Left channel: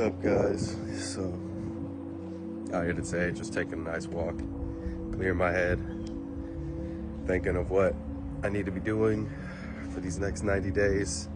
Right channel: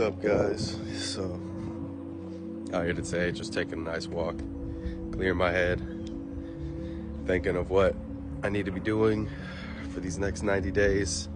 up, guys? So, out here today, just taking a nice walk, clearing my head, thinking of what I need to be doing for these next 90 days.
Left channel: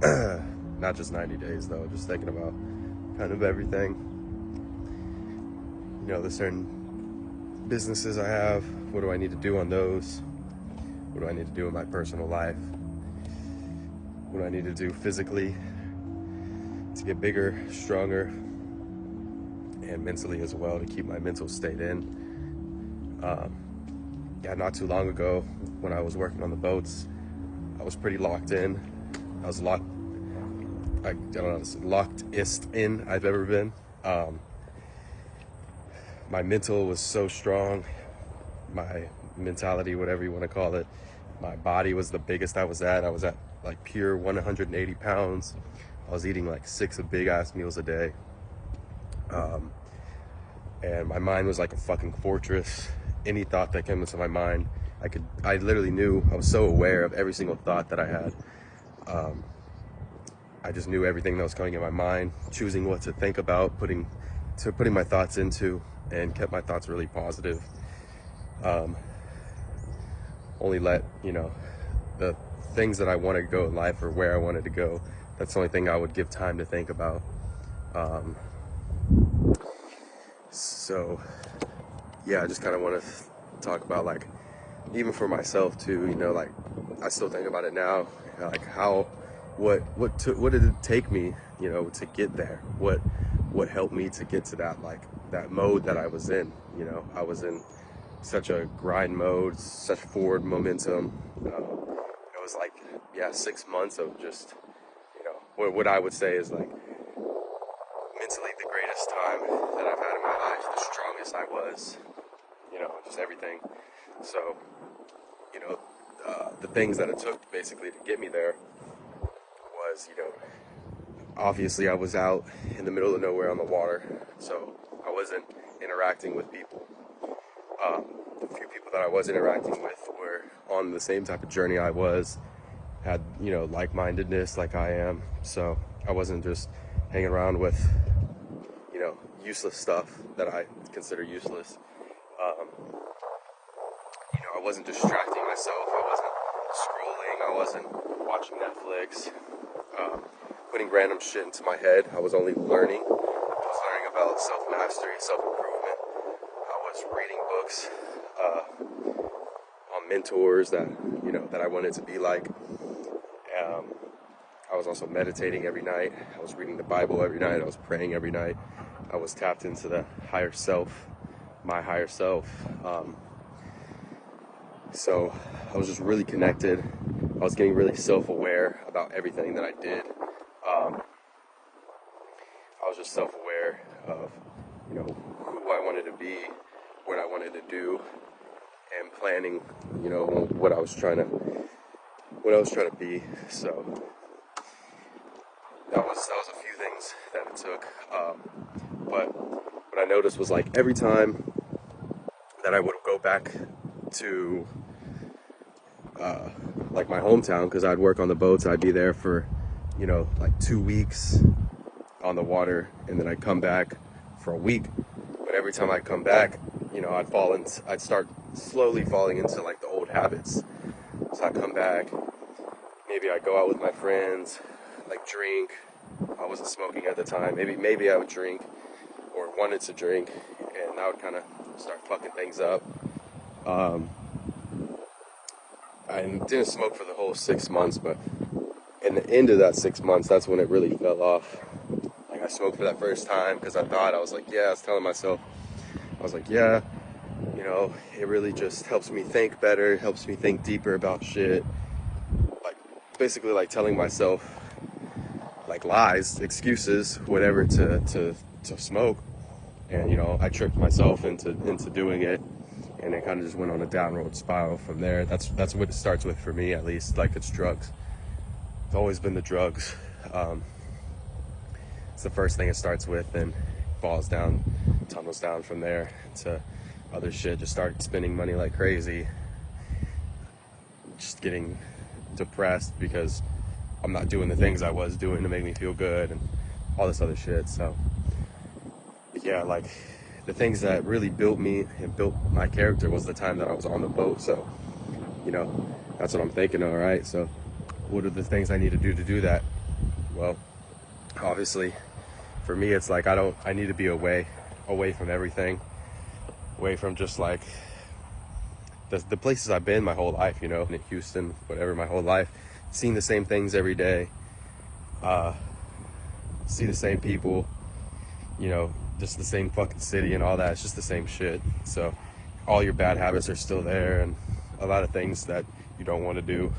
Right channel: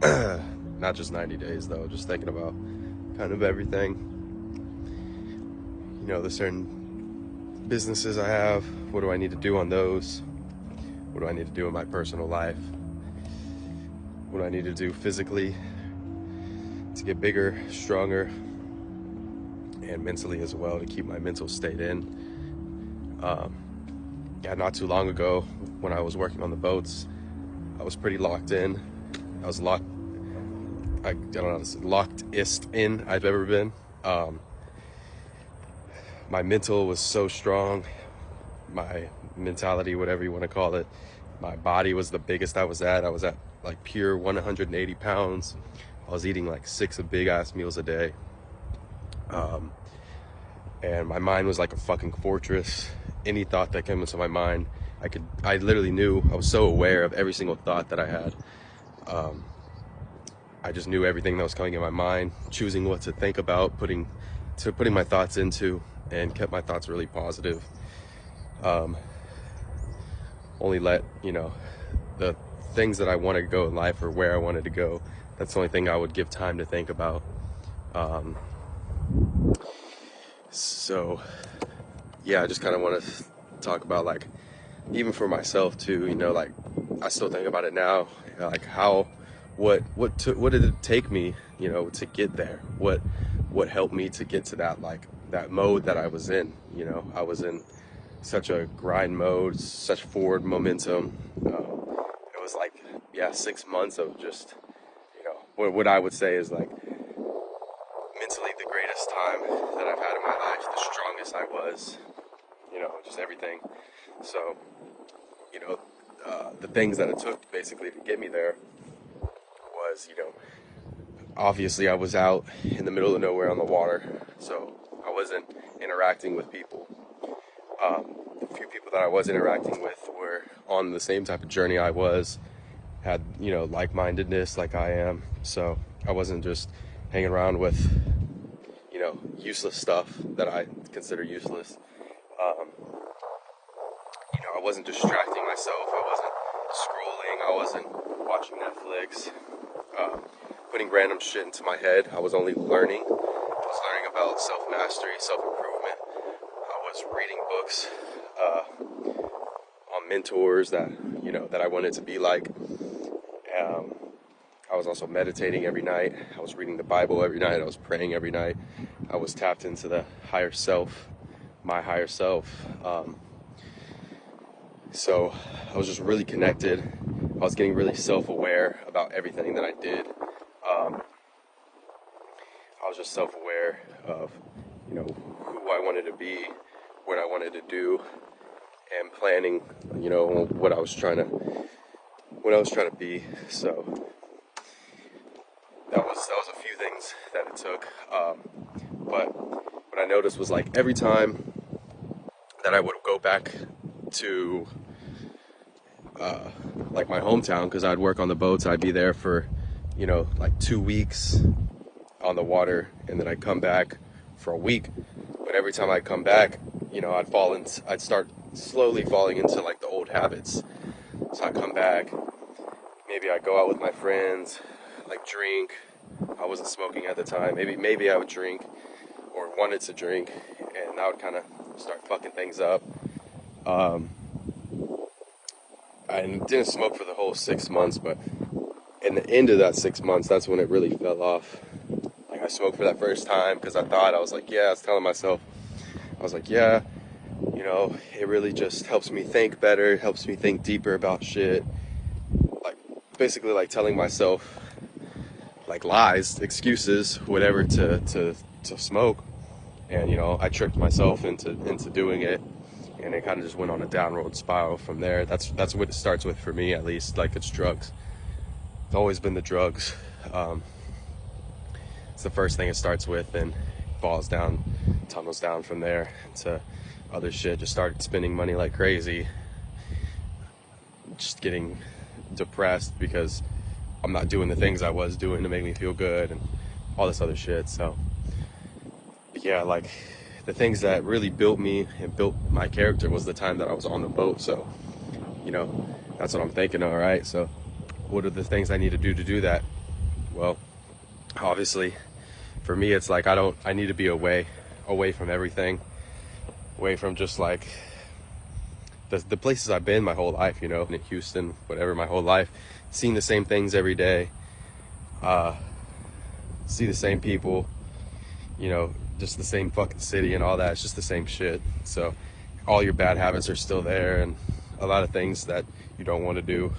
Not just 90 days, though, just thinking about kind of everything. You know, the certain businesses I have, what do I need to do on those? What do I need to do in my personal life? What do I need to do physically to get bigger, stronger, and mentally as well, to keep my mental state in. Yeah, not too long ago when I was working on the boats, I was pretty locked in. I was lockedest in I've ever been. My mental was so strong, my mentality, whatever you want to call it. My body was the biggest I was at like pure 180 pounds. I was eating like 6 big ass meals a day. And my mind was like a fucking fortress. Any thought that came into my mind, I literally knew. I was so aware of every single thought that I had. I just knew everything that was coming in my mind, choosing what to think about, putting my thoughts into, and kept my thoughts really positive. Only let, the things that I wanted to go in life, or where I wanted to go, that's the only thing I would give time to think about. So yeah, I just kind of want to talk about, like, even for myself too, like, I still think about it now, like what did it take me, to get there? What helped me to get to that mode that I was in? I was in such a grind mode, such forward momentum. It was like, 6 months of just, what I would say is like mentally the greatest time that I've had in my life, the strongest I was, just everything. So, the things that it took basically to get me there was, obviously I was out in the middle of nowhere on the water, so I wasn't interacting with people. The few people that I was interacting with were on the same type of journey I was, had, like-mindedness like I am, so I wasn't just hanging around with, useless stuff that I consider useless. I wasn't distracting myself, I wasn't scrolling, I wasn't watching Netflix, putting random shit into my head. I was only learning. I was learning about self-mastery, self-improvement. I was reading books on mentors that I wanted to be like. I was also meditating every night. I was reading the Bible every night. I was praying every night. I was tapped into the higher self, my higher self. So I was just really connected. I was getting really self-aware about everything that I did. I was just self-aware of, who I wanted to be, what I wanted to do, and planning, what I was trying to be. So that was a few things that it took. But what I noticed was, like, every time that I would go back to like my hometown, because I'd work on the boats, I'd be there for, like 2 weeks on the water, and then I'd come back for a week. But every time I'd come back, I'd start slowly falling into like the old habits. So I'd come back, maybe I'd go out with my friends, like drink. I wasn't smoking at the time. Maybe I would drink, or wanted to drink, and that would kind of start fucking things up. I didn't smoke for the whole 6 months, but in the end of that 6 months, that's when it really fell off. Like, I smoked for that first time because I was telling myself, it really just helps me think better, it helps me think deeper about shit. Like, basically, like, telling myself, like, lies, excuses, whatever, to smoke. And, I tricked myself into doing it. And it kind of just went on a downward spiral from there. That's what it starts with for me, at least. Like, it's drugs. It's always been the drugs. It's the first thing it starts with, and falls down, tunnels down from there to other shit. Just started spending money like crazy. Just getting depressed because I'm not doing the things I was doing to make me feel good, and all this other shit. So yeah, like the things that really built me and built my character was the time that I was on the boat. So, you know, that's what I'm thinking of, right? So what are the things I need to do that? Well, obviously for me, it's like I need to be away from everything, away from just like the places I've been my whole life, you know, in Houston, whatever, my whole life, seeing the same things every day, see the same people, you know, just the same fucking city and all that. It's just the same shit. So all your bad habits are still there, and a lot of things that you don't want to do,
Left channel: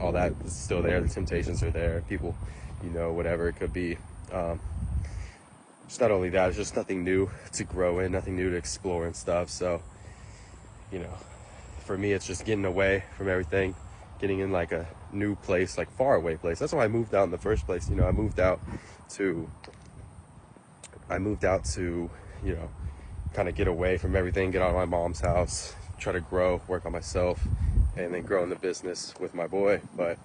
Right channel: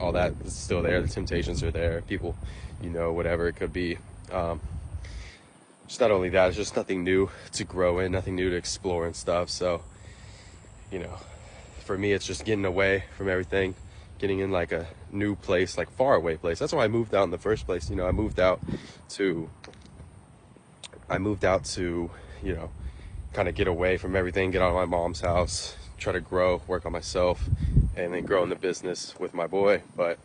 all that is still there. The temptations are there. People, you know, whatever it could be. Just not only that, it's just nothing new to grow in, nothing new to explore and stuff. So, you know, for me, it's just getting away from everything, getting in like a new place, like far away place. That's why I moved out in the first place. You know, I moved out to, you know, kind of get away from everything, get out of my mom's house, try to grow, work on myself, and then grow in the business with my boy. But,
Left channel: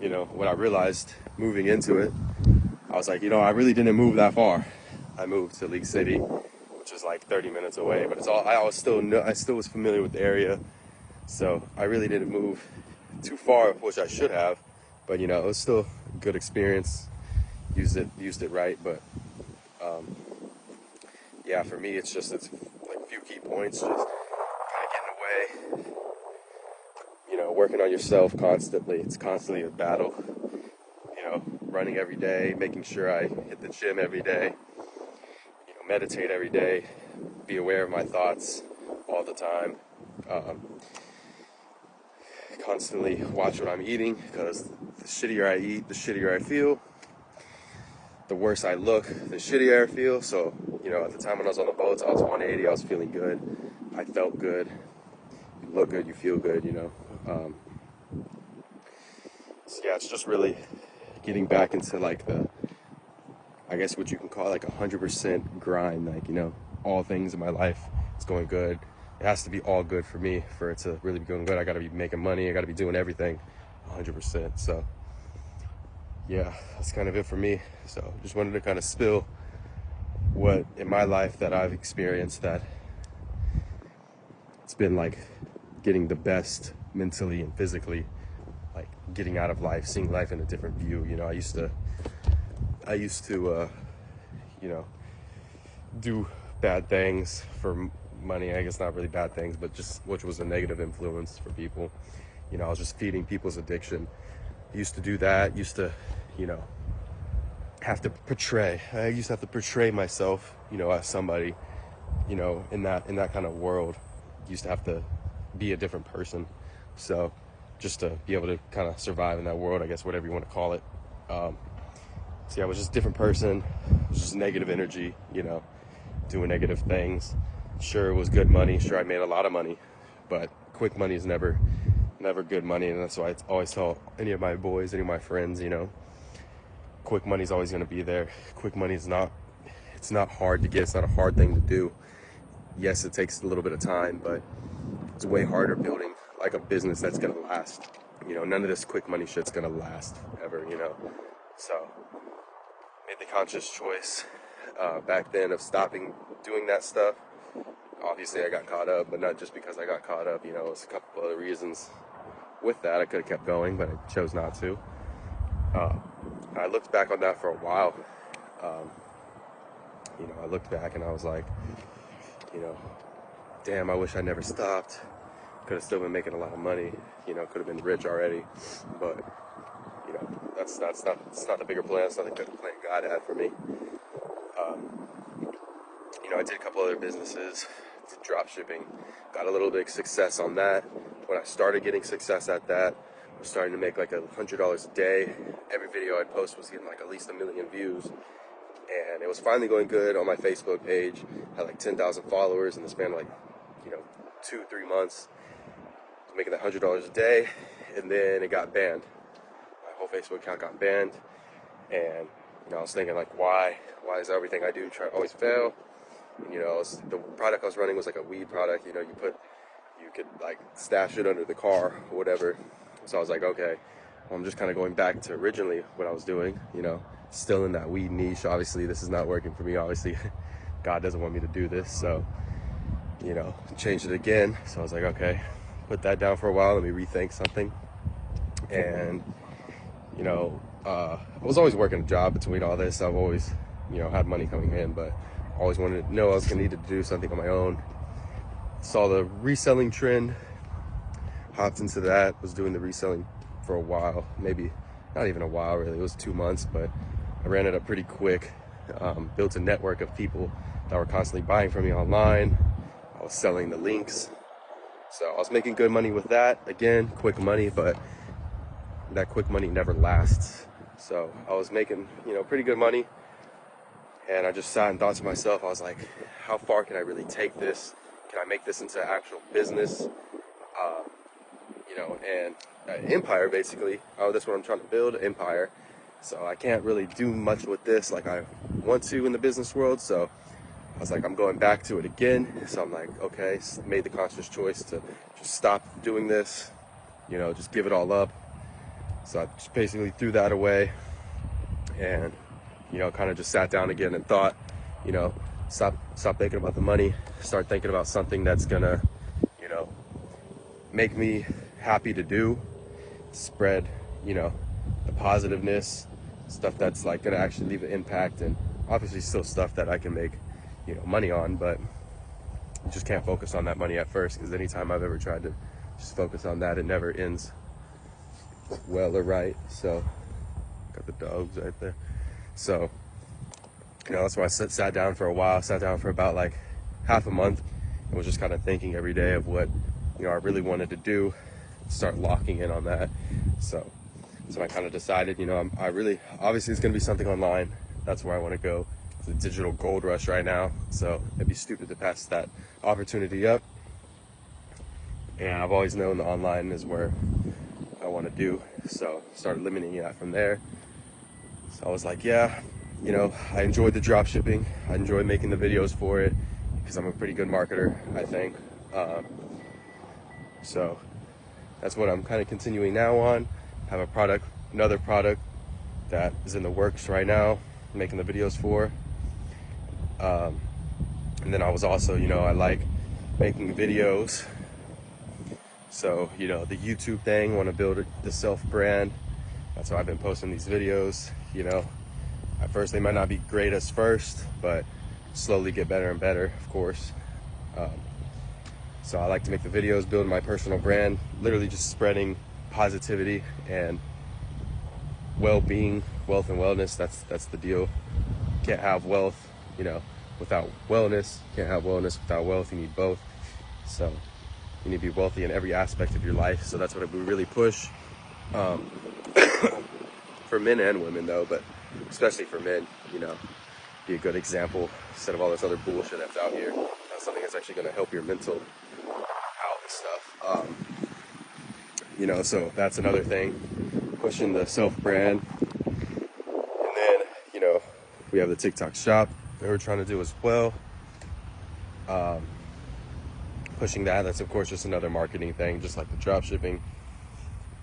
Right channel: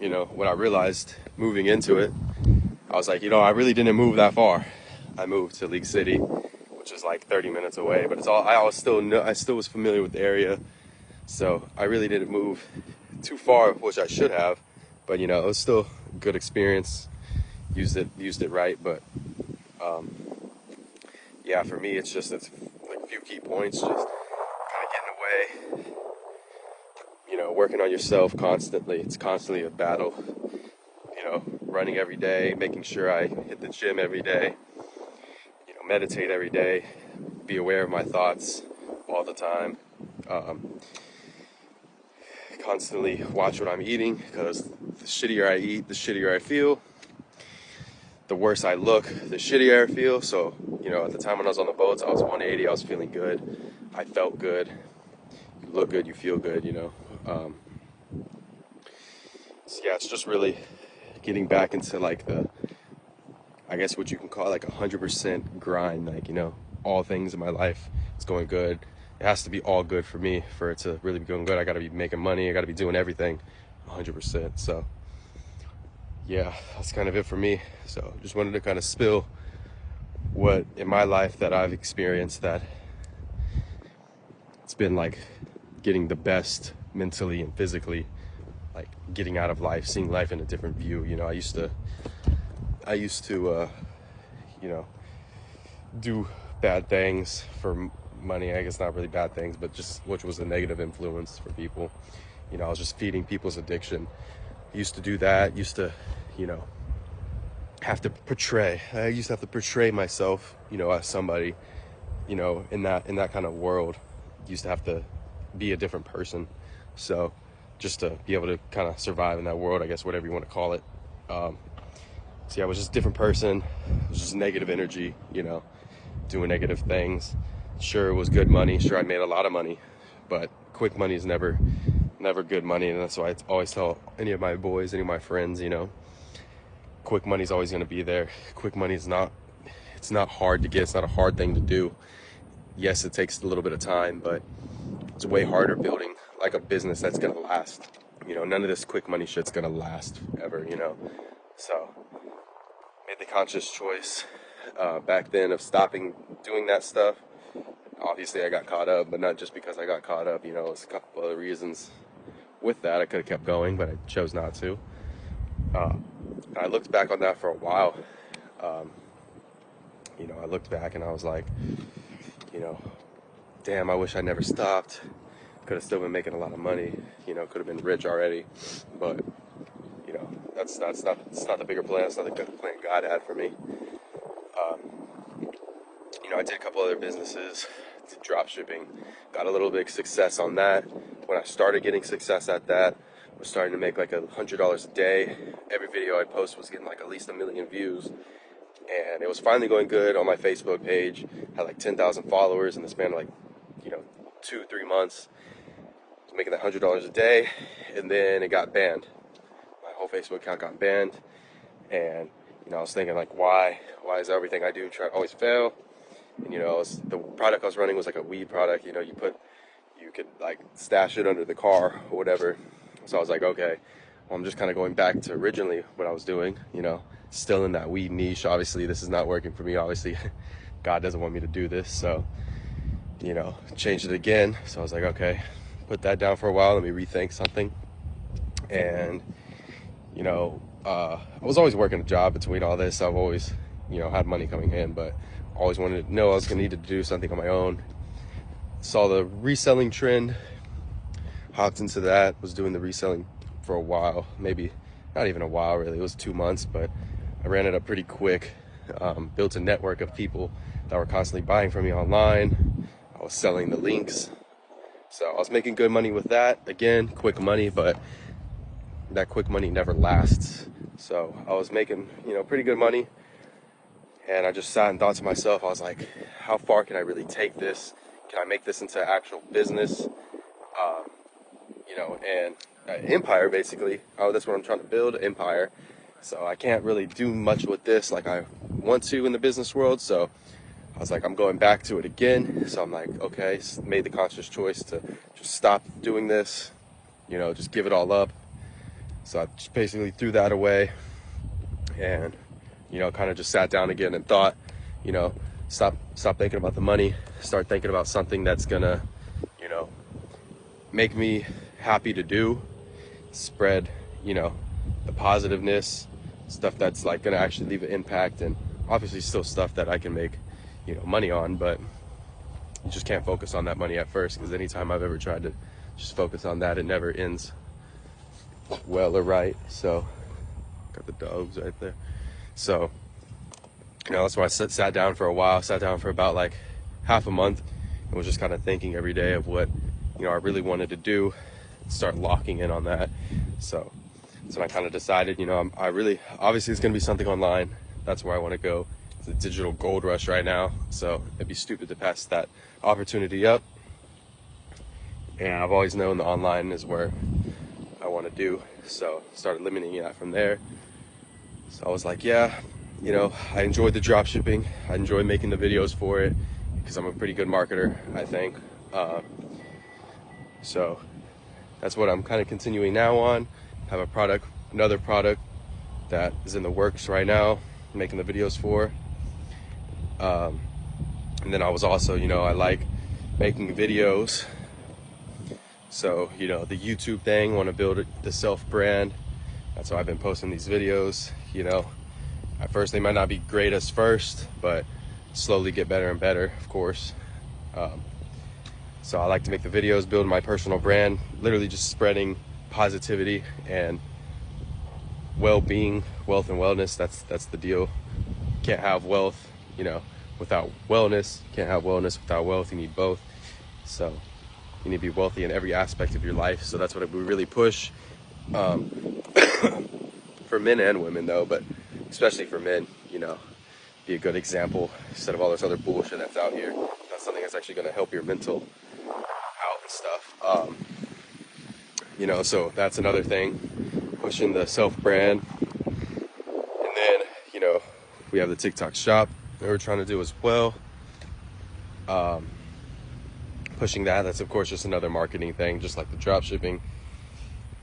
you know, what I realized moving into it, I was like, you know, I really didn't move that far. I moved to League City, which is like 30 minutes away, but it's all, I still was familiar with the area. So I really didn't move too far, which I should have, but you know, it was still a good experience. Used it right. But, yeah, for me, it's like a few key points, just kind of getting away, you know, working on yourself constantly. It's constantly a battle, you know, running every day, making sure I hit the gym every day, you know, meditate every day, be aware of my thoughts all the time, constantly watch what I'm eating, because the shittier I eat, the shittier I feel, the worse I look, the shittier I feel. So, you know, at the time when I was on the boats, I was 180, I was feeling good, I felt good, you look good, you feel good, you know. So yeah, it's just really getting back into like I guess what you can call like 100% grind, like, you know, all things in my life, it's going good. It has to be all good for me for it to really be going good. I gotta be making money, I gotta be doing everything 100%. So yeah, that's kind of it for me. So just wanted to kind of spill what in my life that I've experienced, that it's been like getting the best mentally and physically, like getting out of life, seeing life in a different view. You know, I used to you know, do bad things for money. I guess not really bad things, but just which was a negative influence for people. You know, I was just feeding people's addiction. I used to do that. Used to, you know, I used to have to portray myself, you know, as somebody, you know, in that kind of world. Used to have to be a different person. So just to be able to kind of survive in that world, I guess, whatever you want to call it. So yeah, I was just a different person. It was just negative energy, you know, doing negative things. Sure, it was good money. Sure, I made a lot of money, but quick money is never good money. And that's why I always tell any of my boys, any of my friends, you know, quick money is always going to be there. Quick money is it's not hard to get. It's not a hard thing to do. Yes, it takes a little bit of time, but it's way harder building like a business that's going to last. You know, none of this quick money shit's going to last ever, you know. So made the conscious choice back then of stopping doing that stuff. Obviously, I got caught up, but not just because I got caught up. You know, it's a couple other reasons with that. I could have kept going, but I chose not to. I looked back on that for a while. You know, I looked back and I was like, you know, damn, I wish I never stopped. Could have still been making a lot of money. You know, could have been rich already. But, you know, it's not the bigger plan. It's not the good plan God had for me. You know, I did a couple other businesses, did drop shipping, got a little bit of success on that. When I started getting success at that, I was starting to make like $100 a day. Every video I'd post was getting like at least 1 million views. And it was finally going good on my Facebook page. Had like 10,000 followers in the span of like, you know, 2-3 months. I was making that $100 a day, and then it got banned. My whole Facebook account got banned, and you know, I was thinking like, why is everything I do always fail? And you know, the product I was running was like a weed product. You know, you could like stash it under the car or whatever. So I was like, okay, well, I'm just kind of going back to originally what I was doing. You know, still in that weed niche. Obviously, this is not working for me. Obviously, God doesn't want me to do this. So, you know, changed it again. So I was like, okay, put that down for a while. Let me rethink something. And, you know, I was always working a job between all this. I've always, you know, had money coming in, but always wanted to know I was going to need to do something on my own. Saw the reselling trend, hopped into that, was doing the reselling for a while, maybe not even a while really, it was 2 months, but I ran it up pretty quick. Built a network of people that were constantly buying from me online. I was selling the links. So I was making good money with that. Again, quick money, but that quick money never lasts. So I was making, you know, pretty good money. And I just sat and thought to myself, I was like, how far can I really take this? Can I make this into actual business? You know, and empire basically. Oh, that's what I'm trying to build, empire. So I can't really do much with this like I want to in the business world. So I was like, I'm going back to it again. So I'm like, okay, made the conscious choice to just stop doing this, you know, just give it all up. So I just basically threw that away and, you know, kind of just sat down again and thought, you know, stop thinking about the money, start thinking about something that's gonna, you know, make me happy to do, spread, you know, the positiveness, stuff that's like gonna actually leave an impact, and obviously still stuff that I can make, you know, money on, but you just can't focus on that money at first, because anytime I've ever tried to just focus on that, it never ends well or right. So got the dogs right there. So, you know, that's why I sat down for a while, sat down for about like half a month, and was just kind of thinking every day of what, you know, I really wanted to do, start locking in on that. So I kind of decided, you know, I really, obviously it's going to be something online. That's where I want to go. It's a digital gold rush right now. So it'd be stupid to pass that opportunity up. And I've always known the online is where I want to do. So started limiting that from there. So I was like, yeah, you know, I enjoyed the drop shipping. I enjoy making the videos for it because I'm a pretty good marketer, I think. So that's what I'm kind of continuing now on. Have a product, another product that is in the works right now, making the videos for. And then I was also, you know, I like making videos. So, you know, the YouTube thing, want to build the self brand. That's why I've been posting these videos. You know, at first they might not be great as first, but slowly get better and better, of course. So I like to make the videos, build my personal brand, literally just spreading positivity and well-being, wealth and wellness. That's the deal. Can't have wealth, you know, without wellness. Can't have wellness without wealth. You need both. So you need to be wealthy in every aspect of your life. So that's what we really push, for men and women though, but especially for men, you know, be a good example instead of all this other bullshit that's out here. That's something that's actually going to help your mental health and stuff. You know, so that's another thing, pushing the self brand. And then, you know, we have the TikTok shop that we're trying to do as well. Pushing that, that's of course just another marketing thing, just like the drop shipping.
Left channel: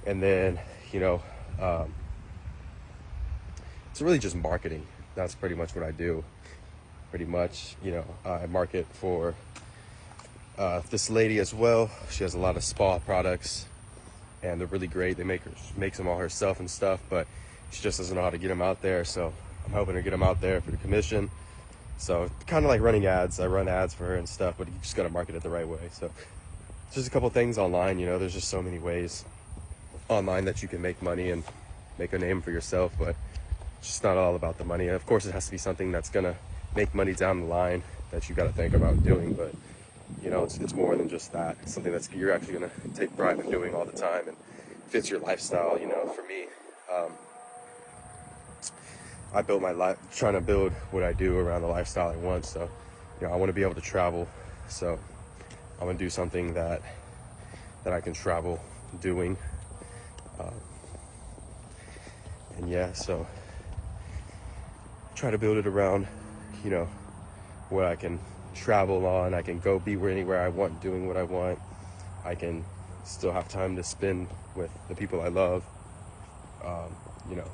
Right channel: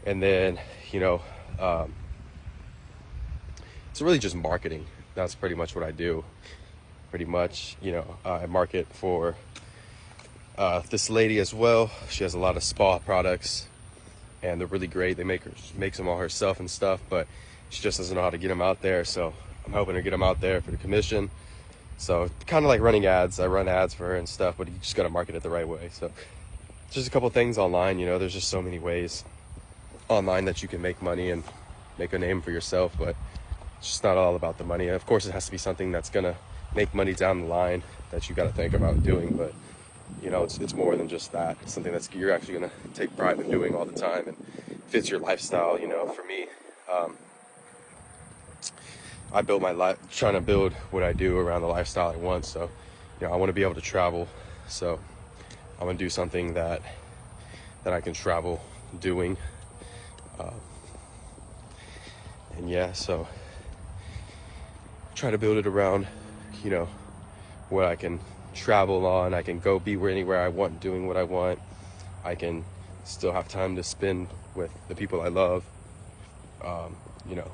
And then, you know, it's really just marketing. That's pretty much what I do. Pretty much, you know, I market for this lady as well. She has a lot of spa products, and they're really great. They makes them all herself and stuff, but she just doesn't know how to get them out there. So I'm hoping to get them out there for the commission. So kind of like running ads. I run ads for her and stuff, but you just got to market it the right way. So just a couple things online, you know, there's just so many ways online that you can make money and make a name for yourself, but it's just not all about the money. Of course, it has to be something that's gonna make money down the line that you got to think about doing, but you know, it's more than just that. It's something that's you're actually gonna take pride in doing all the time and fits your lifestyle. You know, for me, I built my life trying to build what I do around the lifestyle I want. So, you know, I want to be able to travel. So I'm gonna do something that I can travel doing. And yeah, so try to build it around, you know, where I can travel on. I can go be anywhere I want, doing what I want. I can still have time to spend with the people I love. You know,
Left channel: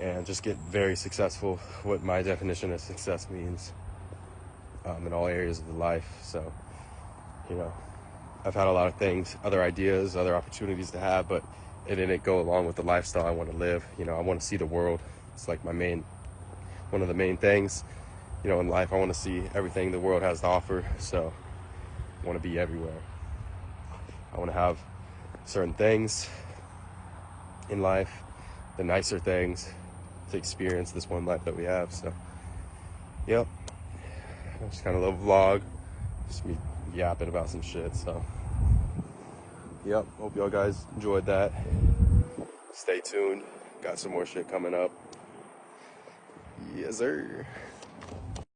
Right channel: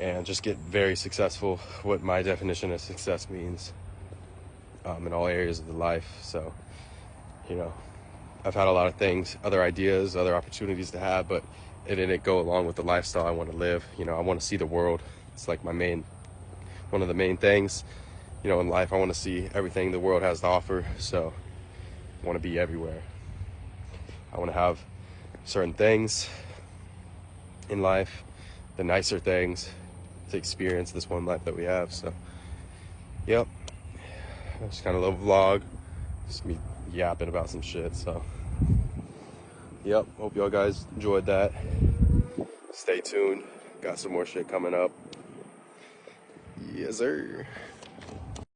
and just get very successful, what my definition of success means, in all areas of the life. So, you know, I've had a lot of things, other ideas, other opportunities to have, but it didn't go along with the lifestyle I want to live. You know, I want to see the world. It's like one of the main things, you know, in life. I want to see everything the world has to offer. So I want to be everywhere. I want to have certain things in life, the nicer things, to experience this one life that we have. So, yep. Just kind of a little vlog. Just me yapping about some shit. So, yep. Hope y'all guys enjoyed that. Stay tuned. Got some more shit coming up. Yes, sir.